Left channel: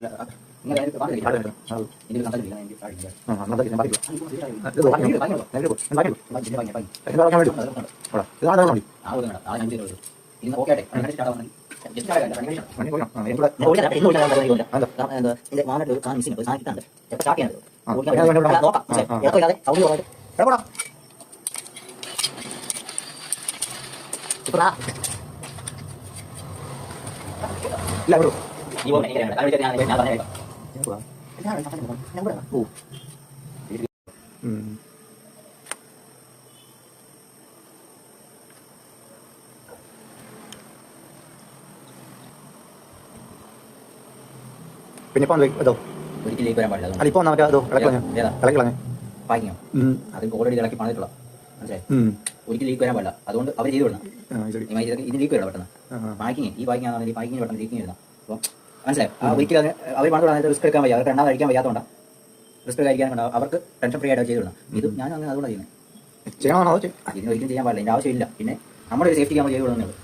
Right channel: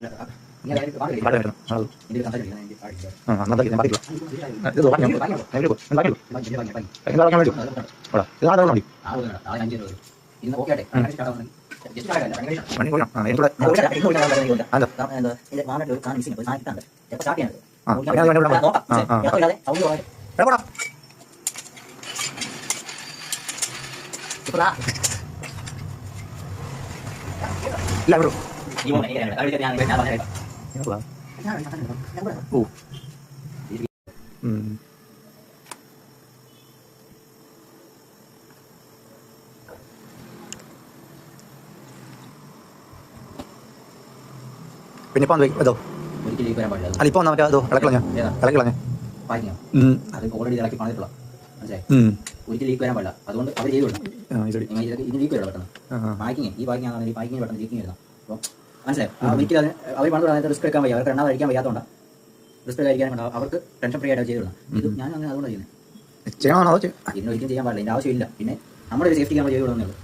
പിന്നെ ഇപ്പൊ അതോ അതിപ്പോ വന്നാൽ മറ്റേ അതോ ഇളക്കിളഞ്ഞ ഓൾറെഡി ഇളക്കി പണിതിട്ടുള്ള മനസ്സിലായി. ഒരിക്കലും ലീക്ക് വരാൻ പാടില്ല. അതുകൊണ്ട് അവർ ചെയ്തു വിടണം. ഇത് ലീക്ക് വരണം പെട്ടെന്ന്. പാക്കിങ് ഈ പാക്കിങ് ആണെങ്കിൽ പാക്കിങ് പെട്ടെന്ന് ലീക്കിങ് വരുന്നത്. അപ്പോൾ മനസ്സിലായി. ഒരിക്കലും അവർ പണിത് റിസ്ക് എടുക്കാൻ വയ്യ. അവർക്ക് രണ്ടാമത് കഴിക്കാൻ വയ്യാത്തതുകൊണ്ട് റിസ്ക് കഴിക്കാൻ അവർക്ക് ടെൻഷൻ ഫ്രീ ആയിട്ട് ചെയ്തു വിടണം. ഇത് ഞാൻ അങ്ങനെ അതുകൊണ്ട് ചെയ്യുന്നത്. ഇതിനൊരിക്കലും ചെയ്യാൻ പാടില്ല. ഇതിൻ്റെ ആവശ്യമില്ല. പിന്നെ നമ്മുടെ ഒരു സേഫ്റ്റിക്ക് നമ്മൾ ചെയ്തു വിടുന്നുള്ളൂ.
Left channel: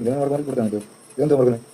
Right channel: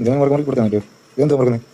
ഇതേ കൊടുക്കാൻ പറ്റുമോ? ഇതെന്താ കൊടുക്കുന്നത്?